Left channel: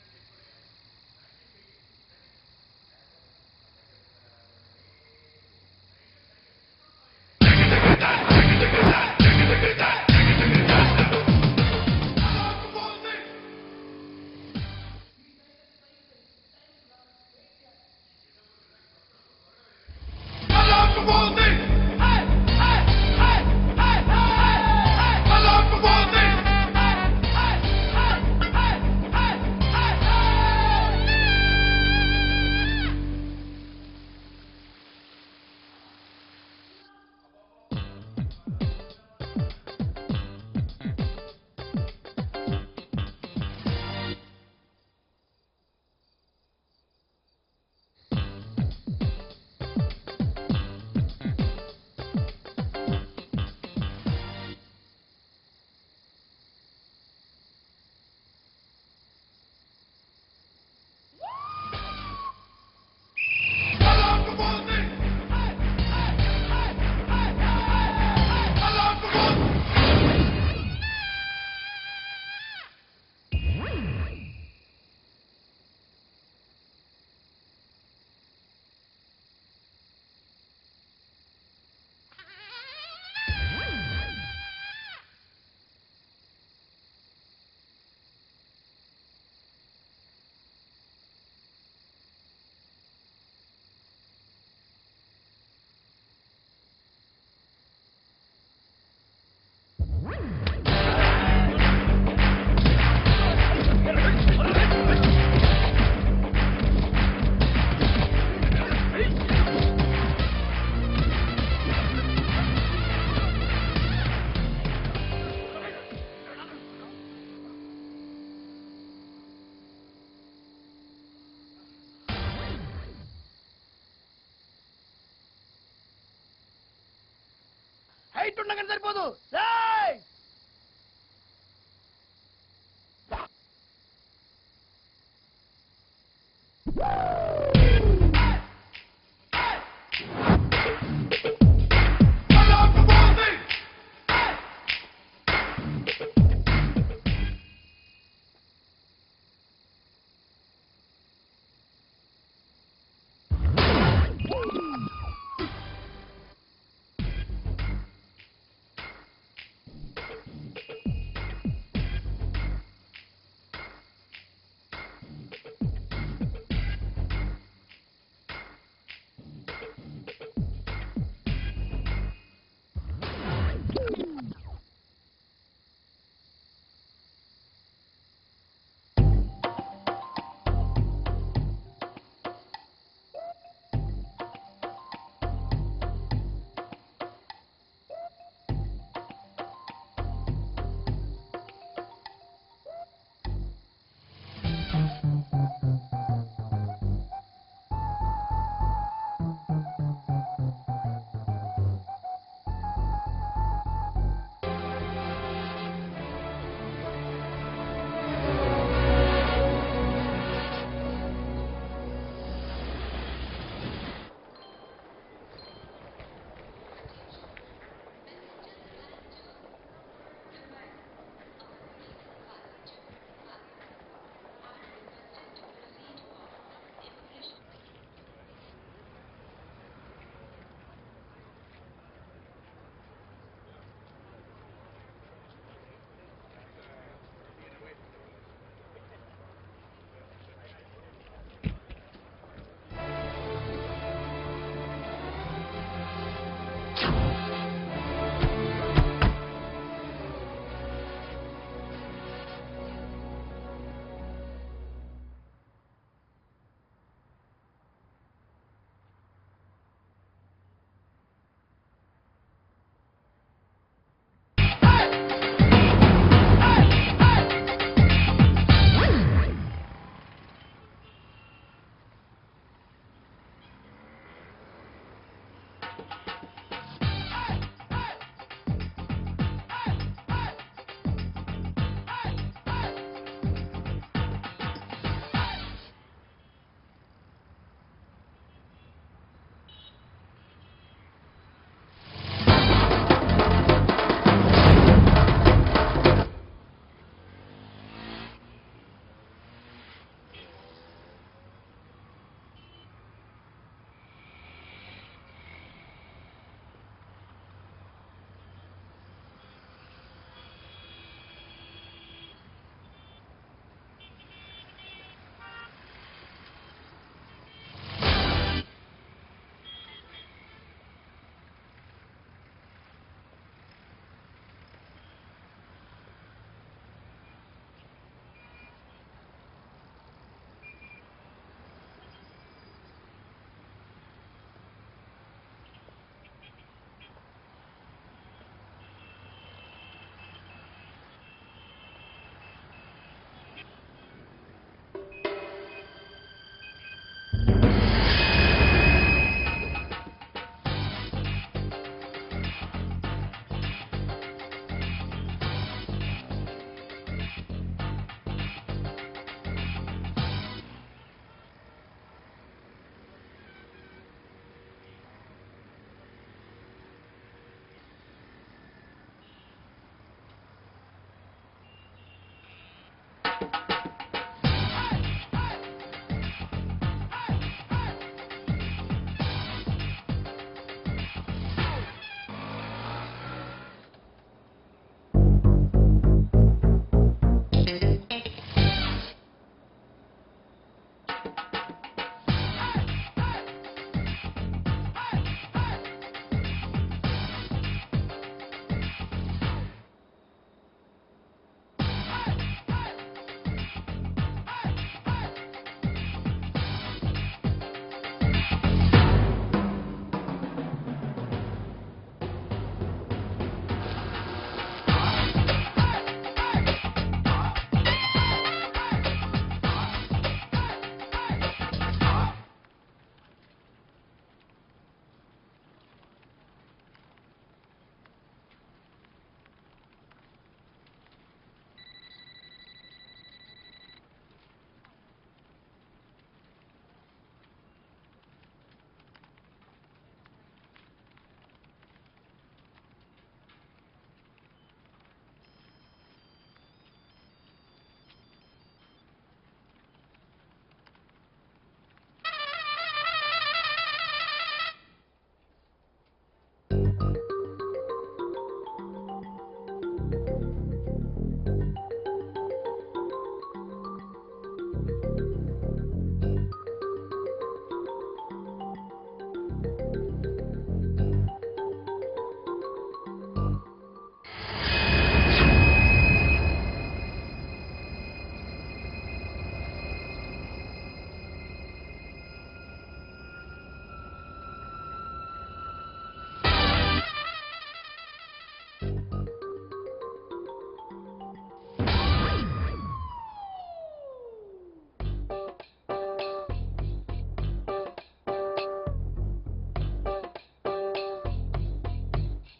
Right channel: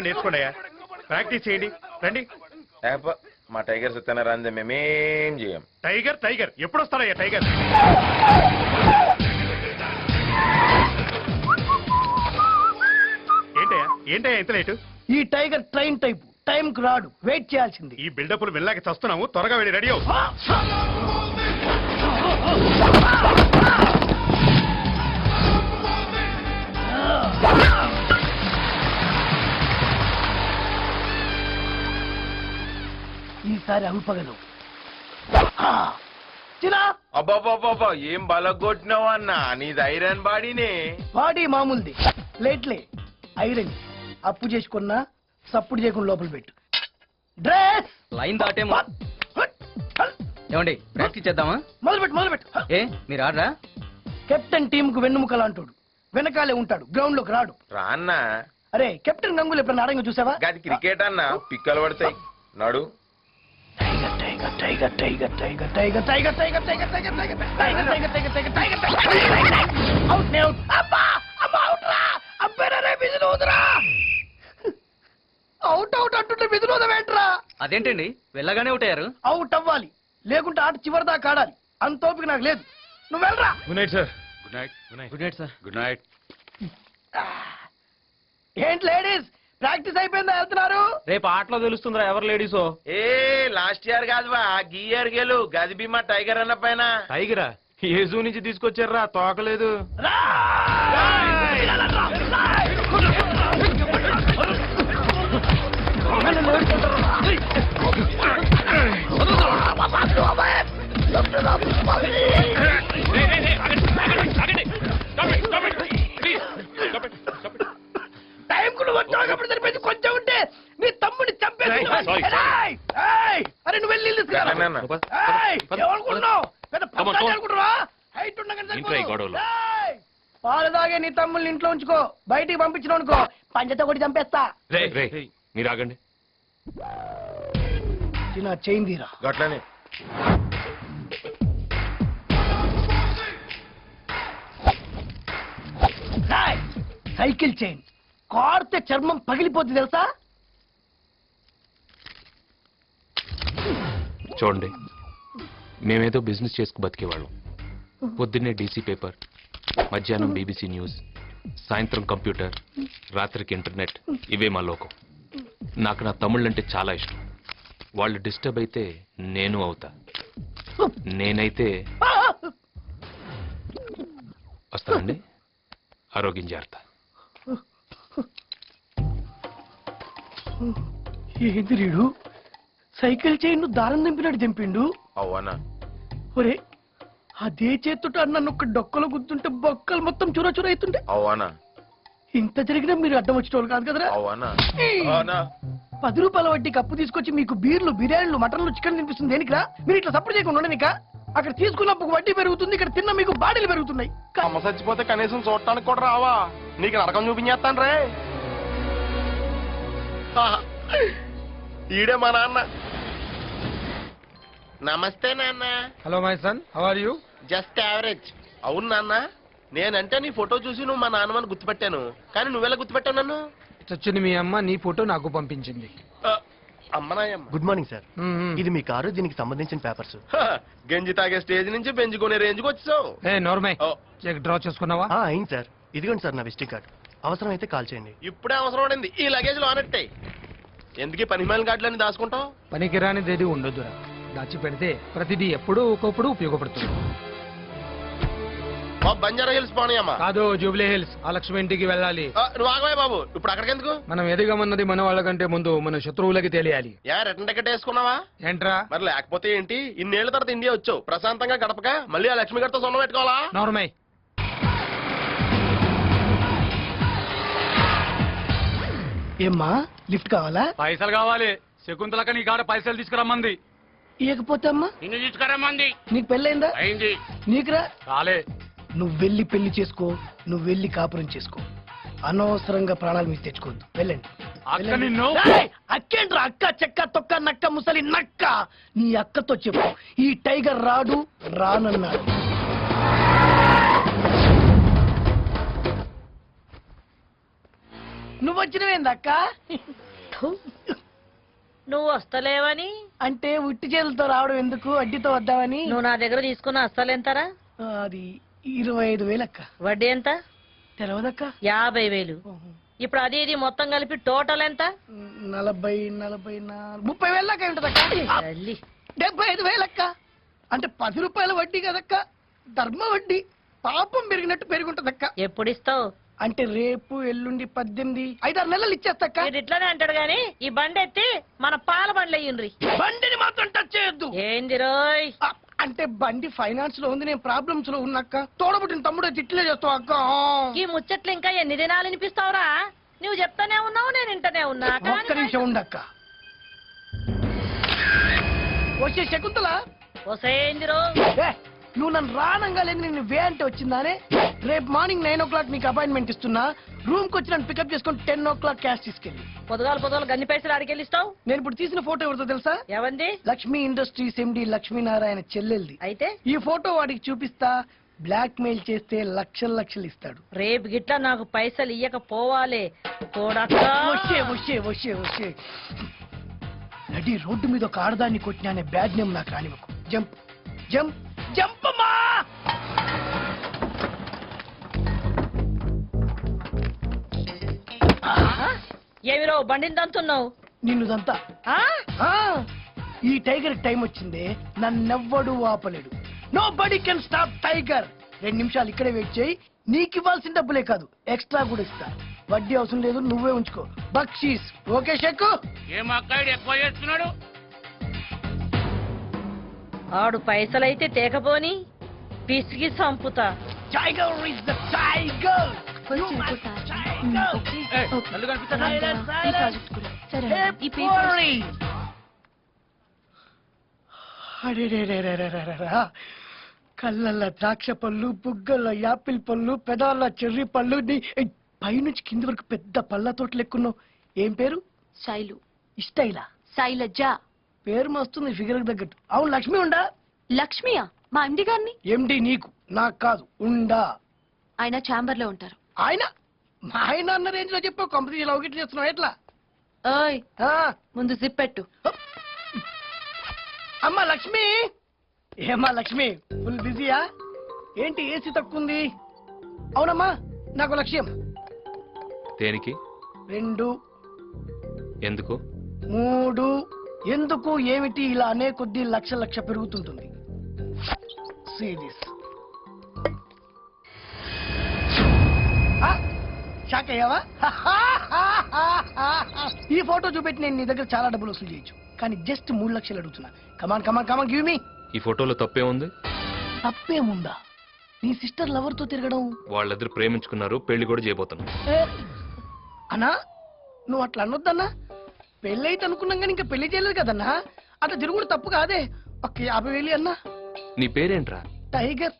ఏమైనా నేర్చుకోండి. ప్రాక్టీస్ చేయండి రండి. మా టైగర్ సత్యన రంజ మేమేం చేయం. టైగర్ టైగర్ ఎప్పుడు వస్తారయ్యా టైగర్? ఏంటయ్యా ఏంటయ్యా ఇంత లేటు? ఈ టైగర్ ట్రైన్ టైప్ టైం కు రాడు, వెయిట్ చేయాల్సింది. ఈ బిల్డప్లు వెళ్ళాక చస్తున్నాము, త్వరగా వెళ్ళి రెడీ అవు. ఈసారి అంపగలు. అబ్బాబాబా ఏం బలగొట్టినావు అన్నా, నీది ఐరన్ బాడీనే. బాడీ మామూలుది, ప్లేట్లే ఐరన్. అప్పు చేసుకున్నా సప్పుడు చేయకుండా లోపల పెట్టు. డ్రెస్ లైన్ దాటేమో. ఏమండి ప్రాక్టీస్ చేద్దామా? మొదలుపెట్టు. ఏ మీరు ఆడరా? కెప్టెన్ టీమ్ కు వెన్నుముకలా అంటాడు, వెనకాలే ఉంటాడు, గ్రౌండ్ లోకి రాడు. రాన్నా అరే కెప్టెన్ గంగూలు ఎప్పుడన్నా ఆడంగా చూసావా? గది క్రికెట్ అన్నా, పిక్కలు పడతాయి. నడు. అవుట్ అవుట్ అంటుంటే విధులోదవేంట్రా? అదేంటండి వెళ్ళగానే అవుట్ అయ్యారు? అవుట్ అవ్వాలి, లేకుంటే ఆట చివరి దాకా ఆడాలి. అంత ఓపిక నాకు లేదు. నువ్వు వెళ్ళరా. Good night sir. Good night sir. Good night. ఏంటి లేడీస్ ప్రాక్టీస్ అయిపోయిందా? వెళ్తున్నారు? రేపు ఆటలో తెలుస్తుందిరా ఎవరు లేడీసో. ఏ లాస్ట్ ఇయర్ కాదువా, గీ ఇయర్ గెలు. గది బీమా టైగర్ అన్న పైన. టైగరా ఏ జూ నుంచి తీసుకొచ్చారా? తోకలేదు. కొంచెం ఉంటే నీ తమ్ముడిని చంపేసి. అరే నువ్వు వెళ్ళి ఏమనుకుంటున్నావు? హైట్ ఉండగానే సరిపోదు. పాలు తాగే నీ తమ్ముల్ని ఇంట్లో ఉంచుకో, బయటికి పంపించిన అనుకో పంచతో కొట్టి చంపేస్తా. మీరు ఆగండి. నా చైన్ తీరా. గట్లనే సైకిల్ చైన్ కార్తే చర్మం పగిలిపోతుంది తెలుసా? చూడండి, మేమేదో బిజినెస్ చేసుకు బతికేవాళ్ళం. పొద్దున్నే డీసీ పేపర్, మధ్యాహ్నం బీబీసీ న్యూస్, సాయంత్రం కంప్యూటర్, రాత్రికి ఇంటర్నెట్. ఇవే మా లోకం. నాకు నా తమ్ముళ్ళంటే చాలా ఇష్టం. వాళ్ళు డిస్టర్బ్ అయితే నేను అవుతా. నేనైతే వస్తానండి. ఆరోగ్యం జాగ్రత్త. ఏంది రీడు సైకిల్ చైన్ దారం దింపినట్టు దింపిండు? అవునా? ఒరే అదే చేతుట నన్ను ఒక డొక్కలో గుర్తుంటే బొక్కలు మొత్తం చుర చుర అవుతుంటే. అవునా? ఇంత జరిగినా మీరు అడ్డం వచ్చేటోళ్ళు కాదు కదరా. అవునా? 10 రూపాయల వడ్డీ కప్పు తీసుకొచ్చి మీకు బీర్లు, బిర్యానీలు, మటన్లు, చికెన్ తినిపిస్తుంది దేనికిరా? మీరు ఇట్లా సపోర్ట్ చేయకుండా ఉండనిక. అక్కడ తీసుకున్నప్పుడు వడ్డీ పెరుగుతుంది, ఇక్కడ తిన్న మీకు బాడీలు పెరుగుతున్నాయి. అమ్మ చచ్చిపోతే కనీసం చూడటానికి కూడా రావా? నీకు నరకం చూపించేస్తాను రే. ఈడే మా నాన్న. నమస్తే నాన్న. Hello my son, how are you? Just average. అవును నాన్న, నేనంటే నీ ఫోటో చూసి నువ్వు మా నాన్నమని గుర్తుపెట్టాను. కానీ నువ్వెలా గుర్తుపెట్టావు నన్ను? చచ్చిన మీ అమ్మ నీ ఫోటో నాకు పంపించింది. అమ్మనాయమ్మ. Good morning sir. ఇది మీ కారు, దీనికి సంబంధించిన పేపర్స్. గంజి తాగే స్టేజ్ నుంచి పెంచుకునే రేంజ్కి వచ్చావు. ఏ నోర్మై, చెక్ డ్రా చేసుకున్నావా? అయింది సార్. ఇదిగోండి సార్ నా విజిటింగ్ కార్డు. అవసరం అయితే కాల్ చేయండి. ఇప్పుడే అవసరం పడింది. ఈ లగేజ్ లో ఆనట్టే. ఎందుకు పనిమాల కార్డులని దాచుకుంటావు? పనికిరానిది ఏది ఉండదు. దాచి పెడితే ప్రతిదీ ఎప్పుడూ ఒక్కొప్పుడు ఉపయోగపడుతుంది. బంజారా హిల్స్ పోనీయమ్మా. కాదు, జూబ్లీ హిల్స్. ఆ లక్ష్మి ఇంటికి వెళ్ళాలి. నువ్వు ఆగవే బాబు, ఇప్పుడు అక్కడికి ఎందుకు? మనం ఎదిగమన్నది మన వాళ్ళకంటే ముందు మన శత్రువులకి తెలియాలి. రిటర్న్ టికెట్ వేసుకున్నావా? ఏంట్రా? మరి లేకపోతే ఏంటి? ఇన్నేళ్ల తర్వాత ఇండియా వచ్చావు, ప్రశాంతంగా గడపక మళ్ళీ ఆ లక్ష్మి గారితో సొంతం పెట్టుకోవాలా? నోర్మై. ఏమ్మా లిఫ్ట్ కావాలా? పైసలు కావాలి. శకుంతలక నీ కాడ పైసలు తీసుకురమ్మంది. ఇకపోతే అమ్మా నిన్ను తీసుకురమ్మంది. నీకు పెళ్ళైందా? అయింది. నీకురా? రాలే. నువ్వు వెళ్ళి పెళ్లి చేసుకో, నువ్వు వెళ్ళి కాపురం చేసుకో. అనవసరంగా ప్రాణాలు మీకు తెచ్చుకోండి. వెళ్ళండి. అక్కేంట్రా? అక్క చెక్క తొక్క నక్క ముసలి నక్క. నీ అక్కతో చెప్పు, ఈ టైగర్ రాడు రానన్నాడు. నువ్వు వచ్చినవేందక్క నువ్వు వస్తలేవని అంటే ఉట్టి చేతులతో రావడం ఎందుకు అడ్డితో వద్దామని నువ్వు నా దగ్గర తీసుకున్న అస్సలెంతరా? అది 25,000 అక్క. వడ్డీ ఎంత? తెలవదక్క. 50,000. ఇప్పుడు అది ఇది మొత్తం కలిపి టోటల్ ఎంత? 40, 44, 30,000 దాకా ఉంటదక్క. తల్లి. 75,000 అక్క. అంటే 10 రూపాయల వడ్డీ కదక్క, ధర్మ వడ్డీ. పాపం పెరిగినట్టు పెరుగుంటదక్క. ఎప్పుడు ఇస్తావు? అంటే రేపు ఎల్లుండి 18, 5-6 నెలలు ఇచ్చేస్తక్క. వీడు ఇట్లానే అంటాడు గాని ఈ బండి ఎత్తి మన పాల బండ్లు అయ్యిండ్రి. బండిని మాత్రం టచ్ చేయొద్దు. ఏంది రోయ్? అంటే బండి ఫైనాన్స్ లో ఉంది, నేను ప్రాబ్లమ్స్ లో ఉన్నక్క. తోడబుట్టిన తమ్ముడు ఇట్లే చేస్తావు అక్క. ఈ ముచ్చట్లు ఇంకా ఎన్ని దినాలు వినిపిస్తావురా? నువ్వు చెప్తానే ఉన్నావు, నేను ఇంటనే ఉన్నా. ఒక్క నిమిషం ఉండక్క. వచ్చే శకుంతలా, వసేంది రో? ఏ, నువ్వు నన్ను రానంగానే నిన్ను వే అంటే వచ్చిందానే. రేపు మార్నింగ్ 9 o'clock నీకు అపాయింట్మెంట్ ఇస్తున్నా. రూమ్ కి వచ్చి నన్ను పికప్ చేసుకొని 10 o'clock క్యాష్ తీసుకెళ్ళి. పొద్దుగాలు గన్ని పైసలు అడికెళ్ళిస్తావు? నేను ఇప్పుడు తీసిన ఫోటో ఎవరితో తెలుసా? ఎవంది? లక్ష్మీ ఇండస్ట్రీస్ ఎండి లక్ష్మీనారాయణ చెల్లెల్ది. అయితే ఈ ఫోటో వాడికి చూపిస్తా, బ్లాక్ మెయిల్ చేస్తే లక్షలు ఇస్తాడు. రేపు గిట్లా నాకు పైసలు ఇయ్యకపోవాలి. చూడక్క. వచ్చే రెడీ రోడ్డు మీద ఒక ఆడదాన్ని కొట్టినా బ్యాడ్ నేమ్ నాకు రాని. జంప్ జంప్ జంప్ అమ్మా. ఏమిరో బండిని దంతున్నావు? నిన్నుదంతా ఆ? ఈ టైగర్ టైం వచ్చింది, నన్నెవ్వడు ఆపలేదు. Nobody can stop tiger. 2 నిమిషాలు ఇక్కడే వెయిట్ చేయి. నీకు ఇవ్వాల్సిన డబ్బులే కాదు, ఎక్స్ట్రా కూడా ఇస్తా. వడ్డీ అవసరం లేదు, నువ్వే ఉంచుకో. బక్షీస్ ఓకే షెక్కు. ఆడు పైసలైతే తేకపోని పిసికి చంపుతా. Tiger is the tiger. కళ్ళల్లో ద్రాక్ష పళ్ళు, బుగ్గల్లో యాపిల్ పళ్ళు, పెదాల చెర్రీ పళ్ళు, పైనుంచి కింది వరకు పెద్ద పళ్ళ తోట లెక్కున్నావు. ఏం పేరు? శైలు. ఇష్టైలా? శైలజ. పేరు మస్తుంది ఫిగర్ తగ్గట్టు. అవును, లక్ష్మి ఉండా? లక్ష్మియా? మా ఎండి గారిని. ఎండి నీకు, నాకు కాదు. ఉండా? ఆయన ఛాంబర్ లో ఉంటారు. ఆయన మా ఆయన అన్న రేంజ్ లో చెప్పావు. కంపెనీ లవ్ చేస్తున్నావు ఎట్లా? ఓయ్, ఆ, ముందు జిప్ పెట్టు. అమ్మా లక్ష్మి. ఏమ్మా లక్ష్మి, ఫుల్ బిజీయా ఏంటి? ఏసీ తక్కువ ఉంది. అవునమ్మా, నాకు లక్ష్యం. దేనికి? 2, ఎందుకు? 3. ఎందుకు ఏమిటి? ఇలా అనే కొద్దీ లక్ష పెరుగుతుంటుంది. షాక్ అయ్యావా? ఈ ఫోటో చూపెట్టి నేను నీ దగ్గర చాలా డబ్బులు వసూలు చేయొచ్చు, కానీ జస్ట్ 3 లక్షలు అడుగుతున్నా. Come on give me. ఈ ఫోటోలో తప్పే ఉంది? తప్పేముందా? నీ సిస్టర్ లవర్ తో తిరగడం. వాళ్ళిద్దరు ప్రేమించుకున్నారు, పెళ్లి కూడా చేయబోతున్నారు. అన్నా, నువ్వు అట్లా అనొద్దన్నా. పెళ్లి అయితే అనుకున్నాం కానీ ఇంకా పెళ్లి చేయలేదు కదన్నా. అట్లా తిరుగుడు తప్పు కాదే. ఒక్క 50,000 అన్నా. నీ పేరేంట్రా? టైగర్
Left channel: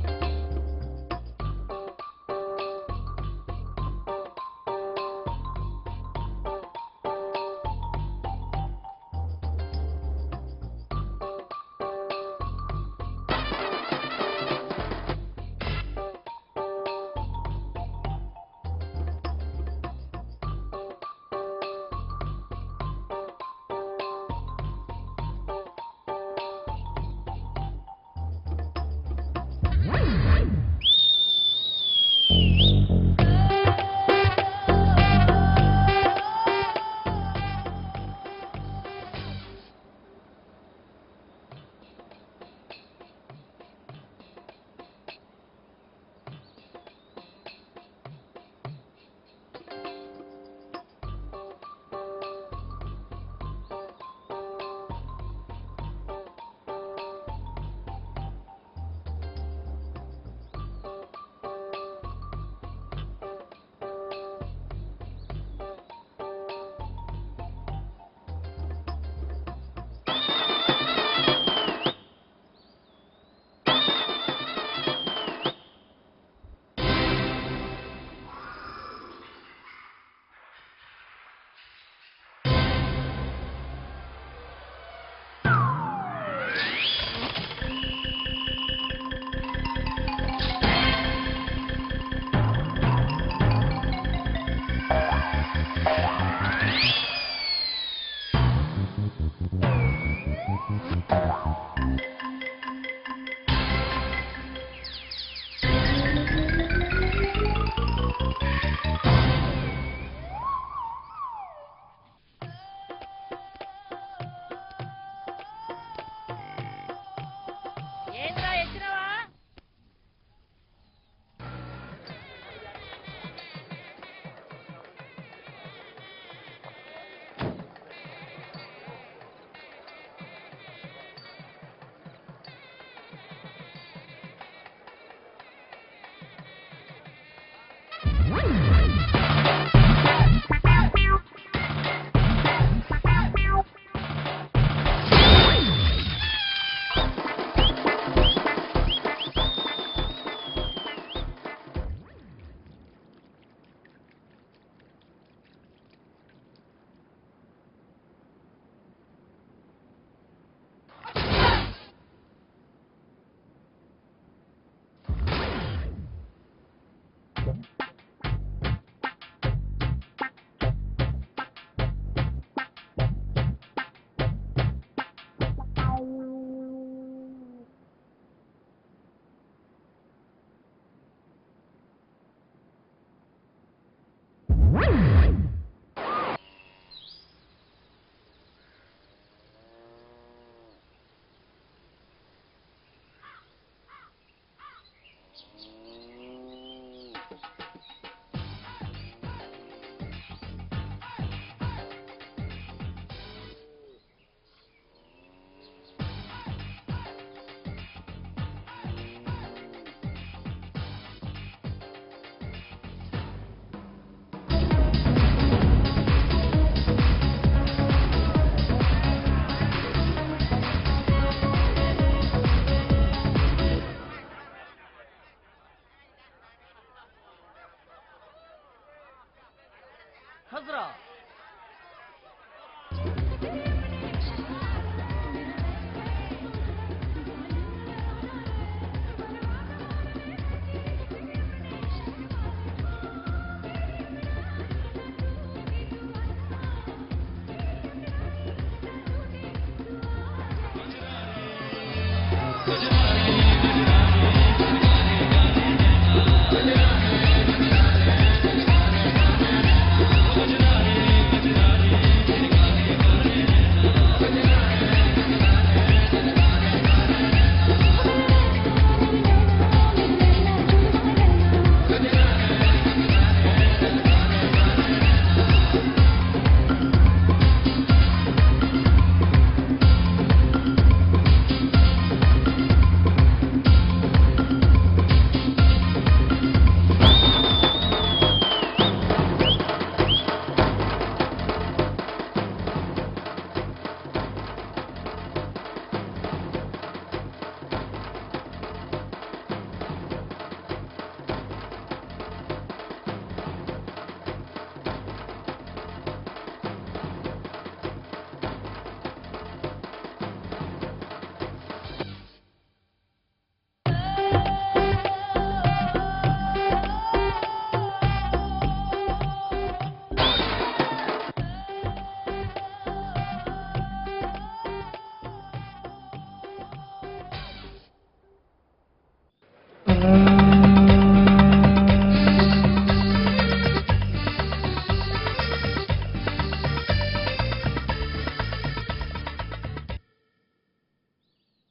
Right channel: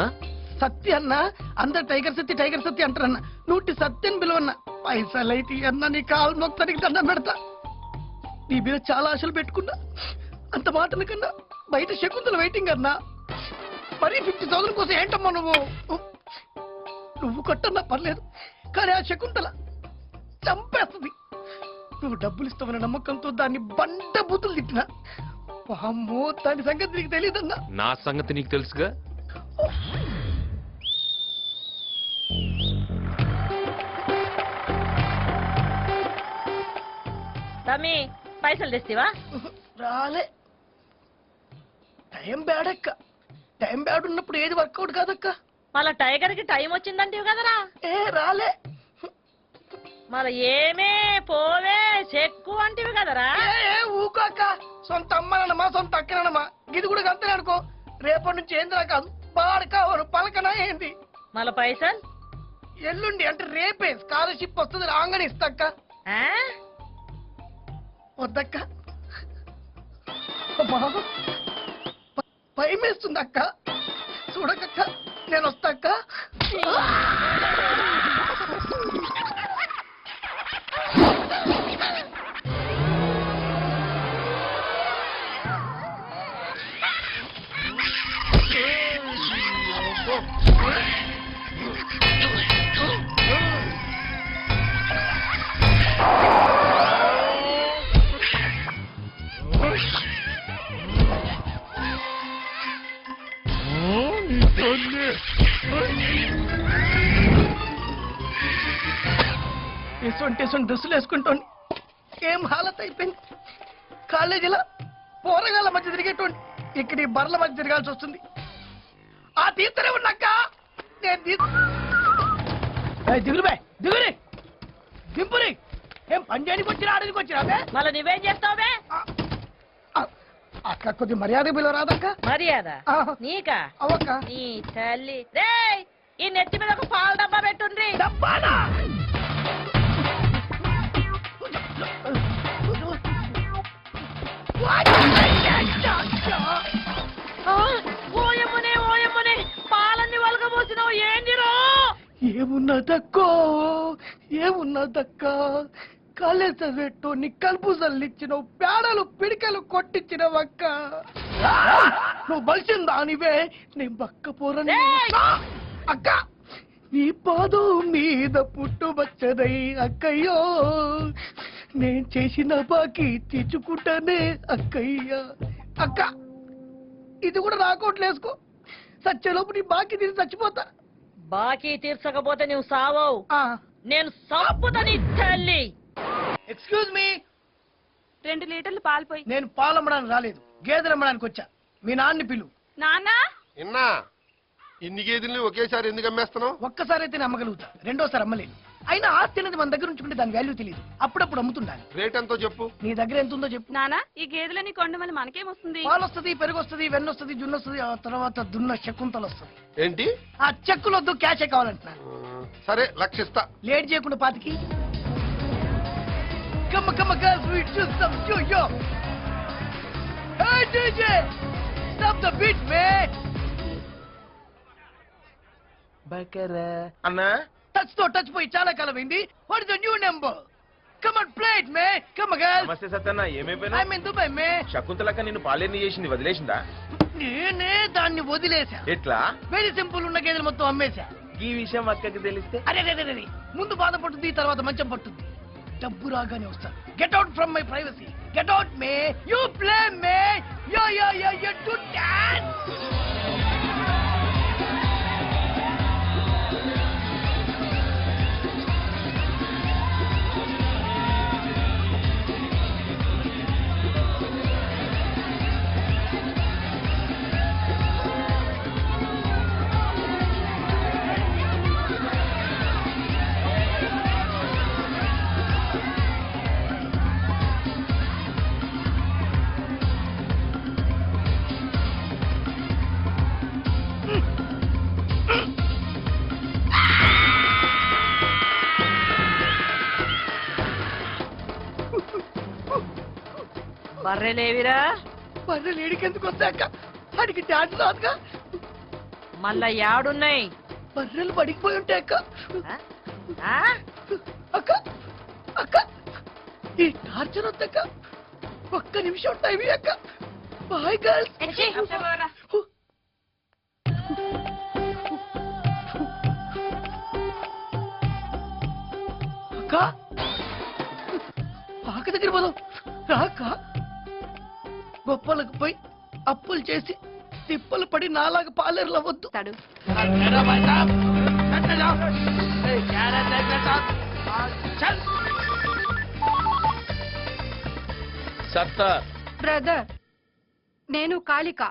ఆ? సత్య అన్న. అందరు టైగర్ సత్య అంటారన్న. నూటి సత్యని పిలువన్న. పైసలు అయితే అన్న నీ కాలు మొత్తానికి దండం పెడతా. నీ మీద చాలా ఆశలు పెట్టుకున్నా. అంత మాటల కన్నా బయట శకుంతల వెయిటింగ్ అన్నా. మరి 50,000 కోసం ఏంటమ్మా నువ్వు కొట్టన్నా పర్లేదు, కానీ ఆ శకుంతల చంపేస్తుంది. నువ్వు డబ్బులు ఇస్తామన్న నమ్మకంతో దాన్ని బండ బూతులు తిట్టినా. అమ్మో, దాని సంగతి నీకు తెలియదన్నా. నా సంగతి నీకు తెలుసుగా. రమి, పైసలు తెస్తివా? రాలే. టైం బ్యాడ్ అక్క. టైం బ్యాడ్ ఉన్నప్పుడు ఏది వర్కౌట్ కాదక్క. మళ్ళా టైగర్ కి టైం వచ్చిందంటివి కదరా? రాలే. మరి ఏమే పోవే చెక్కు అంటివి కదరా? ఊకాక. సొంత అమ్మనమ్మా, సొంత అక్కనమ్మా. ఇది కూడా అంతే అనుకో. రేపటి నుంచి ఏందిరా కాదు, పాడు కావాలి పలకనా ఏంటి? మళ్ళా పైసలు ఎల్లుండి అంటే రేపే స్కాలర్షిప్ వస్తుంది, రాగానే ఇస్తాక్క. ఆ? వద్దక్క, భయం వేస్తుంది అక్క. చూడక్క, నేను వస్తాక్క. కనీసం డ్రెస్సులు వేసుకుంటోండి. ఏం హాలత్ అయిపోయింది. కాలేజీలో పోరగాళ్ళ మధ్య తిరిగేటోండి, ఇక్కడ ఈ బర్ల మధ్య తిరగాల్సి వస్తుంది. ఏంట్రా ఎక్కినవా? ఆ తీస్తూనే ఉన్నాక నేను దిగులు దిగురి దింపురి. ఏం పని చేయడానికి వచ్చినా ఆడడానికి వచ్చినా మళ్ళీ నువ్వేం చేస్తావుబే? అక్క కొద్ది మర్యాద పిలవరాదక్క. మర్యాద ఆ. నీకా? అవక్క నీ తల్లి రేయ్, ఈ నెత్తి మీద ఒక పాల డబ్బా పెట్టుండ్రి. డబ్బానా? ఓయమ్మనే, ఓయమ్మనే, పాలన్నీ వలగబోసినావు, ఏందిరో? ఏమున్నదక్కో ఏమున్నదక్క, కాలేజ్ చదివేట్టు నీ కలుపు చల్లిచ్చినావు, పేడలు పిడికలు కొట్టించినవక్క. నువ్వు బలిసిందా నీవే, నేను బక్క పోరని. ఏయ్! అక్క నీ పాదం మీద పుట్టుబచ్చదై అక్కయ్యో, నేను చేసిన బాకీ తెచ్చుకుంటానే అక్కయ్య. అక్క ఇది కూడా రాకోట్లు వేసుకో, సచ్చేలోపు నీ బాకీ తీసి చచ్చిపోతా. బాకీ తీర్చకపోతే నువ్వు సావవు, ఆ. నేను సంపుతా నీ తల్లి. ఎక్స్క్యూజ్ మీ, 2 లీటర్లు పాలు పోయి. నేను పాలు అమ్మడానికి రాలేదు, గేదెలు అమ్మడానికి వచ్చా. మీ నాన్ని పిలు. నాన్న ఇన్నా ఇన్ని గేదెల్ని ఒకేసారి ఎందుకు అమ్మేస్తున్నావు? ఒక్కసారి అయితే అమ్మగలుగుతా, రెండోసారి అమ్మలేదు. అయినా ఆస్తి అనేది మన దగ్గర ఉంచుకుంటే దాని వాల్యూ తెలియదు, అప్పుడప్పుడు అమ్ముతున్నా. రేట్ ఎంతో చెప్పు. నీ దగ్గర ఎంత ఉందో చెప్పు. నాన్న ఈ గేదెలని కొండమని మనకేమొస్తుంది? పాలు వస్తుంది, పెరుగు వస్తుంది, వెన్న వస్తుంది, జున్ను వస్తుంది, ఆ తర్వాత దున్న చెక్కుంతలు వస్తుంది. ఏంటి? ఆ చెక్కులొద్దు, క్యాషే కావాలంట. సరే లక్షిస్తా. లేట్ చేయకుండా పాతికి. Come on, come on, girls, we do some yo-yo. Hey, DJ, stop the beat, man. అన్నా టచ్ తో టచ్ పోయి చాలా కాలం అయింది. What is the new number? Come on, play it, man. Come on, girls. నమస్తే సత్యన్న, ఏమైపోయినా? I'm in Dubai, man. శకుంతలక్క నిన్ను పాలేని చేసింది, వదిలేసిందా? నేనే దాన్ని వదిలేసా. ఎట్లా? వెరీ సింపుల్, ఉన్న గేదెలు మొత్తం అమ్మేశా. ఈ విషయం అక్కకి తెలిస్తే అరే ముందు బాధ పడుతుంది, తర్వాత మంచం పడుతుంది. డబ్బు రాగానే వస్తా. Get out from my privacy. Get out me. You play me. Yo yo yo యో డు డాన్స్. బర్రెలేవిరా? పన్ను నీడికెందుకు వస్తాక, వాడికి డాన్స్ రాక. మళ్ళా యాడున్నాయి? బర్రెలు పడిపోయి ఉంటాయి అక్క. ఆ? అక్క అక్క ఈ టార్చర్ వద్దక్క, ఒక్క నిమిషం టైం అక్క. Boy girls. పాక దగ్గర పోదాం రాక. గొప్పలకు పోయి అప్పులు చేసి తిప్పలు పడి నాలాగా పాలేరులు అవ్వద్దు. తడు బ్రదర్, నేను కాళిక.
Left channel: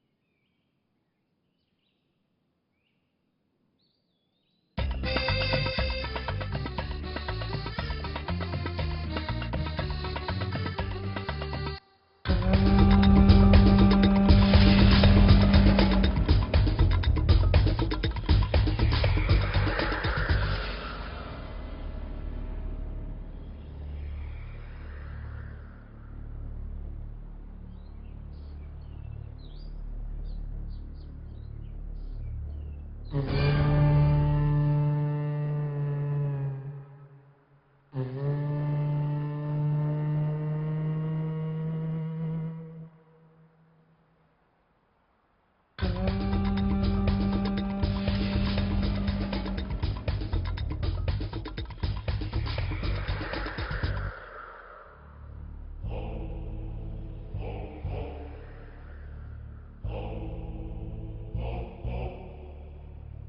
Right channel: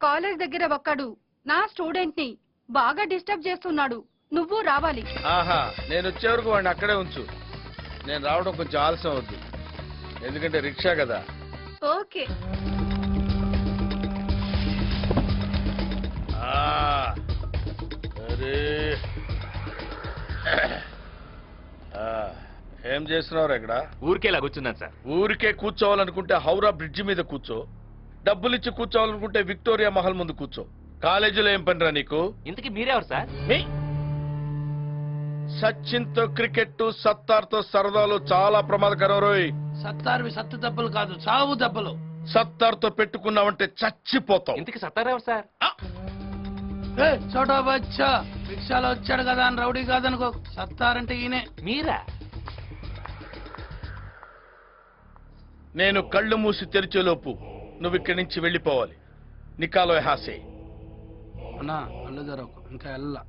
కాలేజ్ దగ్గర ఒక్కడు నా స్టూడెంట్ ని బాగా డిస్టర్బ్ చేస్తున్నాడు, నువ్వు రావాలి. ఆహా, నేను వచ్చే వరకు వాడిని అక్కడే ఉంచు. నేను రావడం కొంచెం ఆలస్యం అవుతుంది, ఎందుకంటే రిక్షా కదా. ఓకే. ఏం చేస్తున్నావు ఇక్కడ? ఊరికే ఇలా కూర్చున్నాను సార్. ఊరికే కూర్చోవాలనుకుంటే హౌరా బ్రిడ్జి మీద కూర్చో, డబ్బులిచ్చి కూర్చోవాలనుకుంటే విక్టోరియా మహల్ ముందు కూర్చో. కాలేజీలో ఏం పనిరా నీకు? ఇంతకీ మీరెవరు సార్? సచిన్ తో క్రికెట్, సత్తార్ తో సరదాలు చాలా ప్రమాదకరం రోయ్. సత్తారువి సత్తు దెబ్బలు కాదు, చావు దెబ్బలు. సత్తార్ తో పెట్టుకున్నావంటే చచ్చిపోతావు. ఇంతకీ సత్తారెవరు సార్? చోటా బచ్చా, రిక్షాలో వచ్చాడు కదా అని రౌడీ కాదనుకో. సత్తారంటే ఈయనే. మీరా? నేను కళ్ళు మూసి తెరిచేలోపు నువ్వు ఇక్కడి నుంచి వెళ్ళిపోవాలి. నికాలో హాసే. కళ్ళు తెరవకు, ఇంకా వెళ్ళా.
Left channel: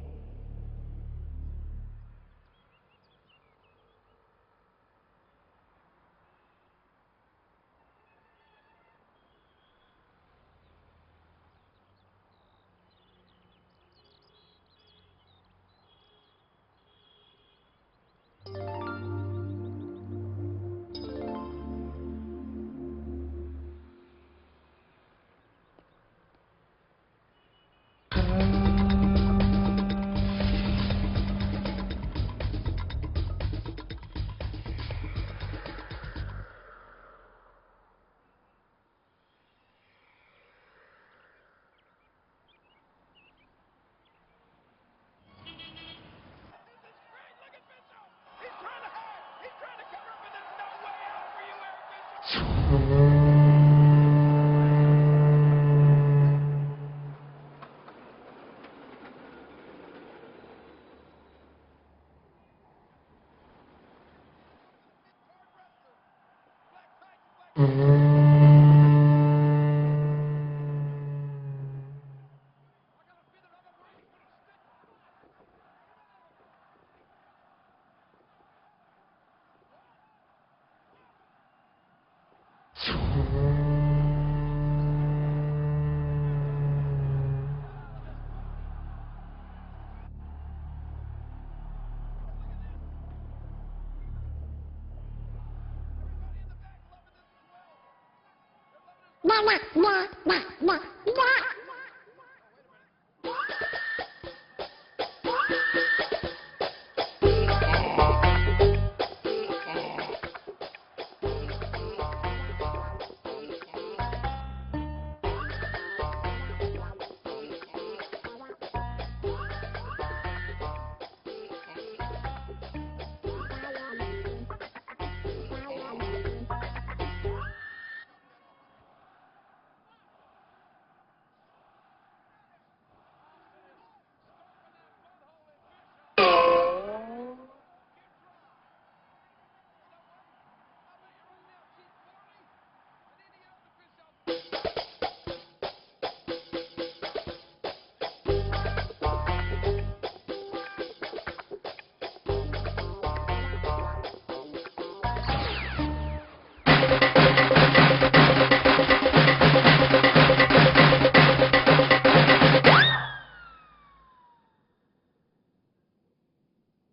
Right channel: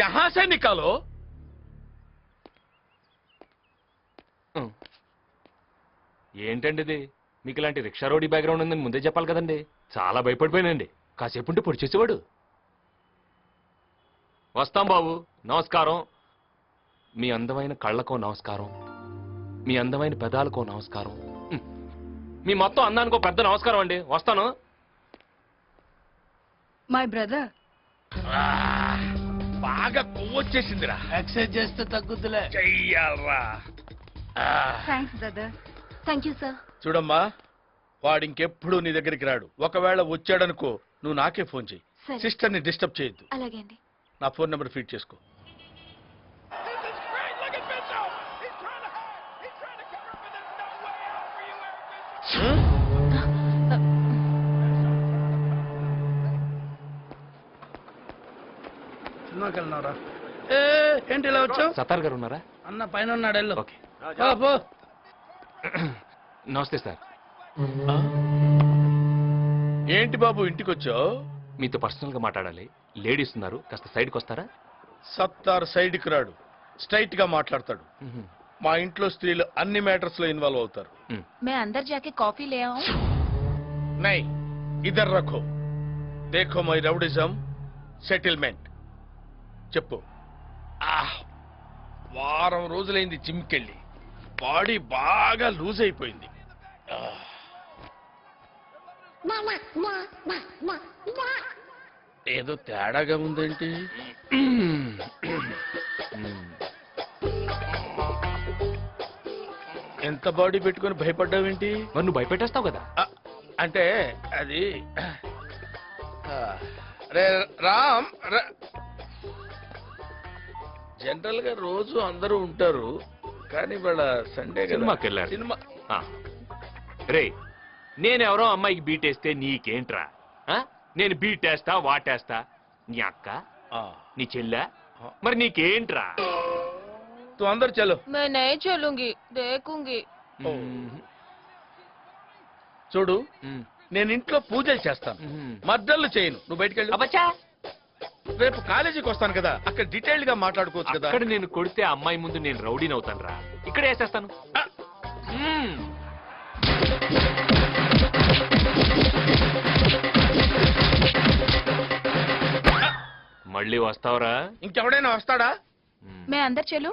యహా సే నికాలో. ఏంటండి ఇది? మీకు ఇలాంటి రిక్షా రోడీ బ్యాక్గ్రౌండ్ ఉందని ముందే చెప్పాలి కదండి. చాలా భయపడిపోయానండి. కాసేపు ఉంటే పొడి చేసేవాడు. వస్తాం బాబు, నమస్కారం. మీ అందమైన కళ్ళకో నమస్కారం, మీ అందమైన పెదాలకో నమస్కారం, మీ మొత్తం అందానికో పెద్ద నమస్కారం అండి. వస్తాను. My brother. బాగా పువ్వు వచ్చేసిందిరా. ఎక్సర్సైజ్ చేస్తే తగ్గుతులే. చెయ్యావా? Thanks brother. Thank you sir. చూడమ్మా, వాడు ఇంకెప్పుడు నీ దగ్గరికి రాడు. ఒకవేళ వచ్చాడనుకో నువ్వు నాకే ఫోన్ చెయ్యి. సరే. సిస్టర్ని డిస్టర్బ్ చేయొద్దు. అలాగే అండి. నా ఫోన్ నెంబర్ ఫీడ్ చేసుకో. సినిమాకి వెళ్ళినారా? ఏంటి ఇలా వచ్చావు? సత్తార్ గారు ఉన్నారా? అన్న పైన ఉన్నాడు, వెళ్ళు. ఓకే. పో. నమస్తే సార్. ఏంటి బాబు ఇంటికి వచ్చావు? మీతో పర్సనల్ గా మాట్లాడాలి. లేడీస్ ఉన్నారు, కాస్త సైడ్కి వస్తారా? సత్తార్ సైడ్కి రాడు, స్ట్రైట్ గా మాట్లాడతాడు. మా ఇంట్లో స్త్రీలు అన్ని మ్యాటర్స్ లో ఇన్వాల్వ్ అవుతారు. మే అందర్ జాకే కాఫీ లే ఆऊं. నై ఇద్దరు రఖో. దేఖో మై రౌడిజం సెటిల్మెంట్. చెప్పు. వారం రోజులైంది జిమ్కెళ్ళి, బాడీ బాగా లూజ్ అయిపోయింది. ఏదో తేడాగా ఉందేంటి? ఎంత బాడీ పెట్టుకొని భయపడ్డావేంటి? మరి నువ్వు భయపెట్టేస్తావు కదా. అంటే అది రే రామ్, జనరల్ గా రోజు అందరూ ఉంటారు, కానీ వాళ్ళ సండే సినిమాకి వెళ్ళాడు. సినిమా రే, నేనెవరో అమ్మాయికి బీటేస్తే నీకేంట్రా? ఆ? నేను బీటేస్తా వాటేస్తా. నీ అక్క, నీ చెల్లె, మరి నీకేంట్రా? తు అందరు చలో. मैं नहीं चलूंगी, देखूंगी. చూడు, నేను ఇంట్లో పూజలు చేస్తాను, మద్దళ్ళు చేయను. నువ్వు బయటికి వెళ్ళు. అబ్బచ్చా, రేపు కాలేజీకి వస్తాను కదా, అక్కడ డీటెయిల్డ్ గా మాట్లాడుకోవచ్చు కదా. అక్కడ నేను కొడితే ఆ అమ్మాయి ముందు నేను రౌడీని అవుతాను రా. ఇక్కడ వేసేస్తాను. మళ్ళీ వస్తావురా? ఇంకెవడైనా వస్తాడా? मैं अंदर चलूं?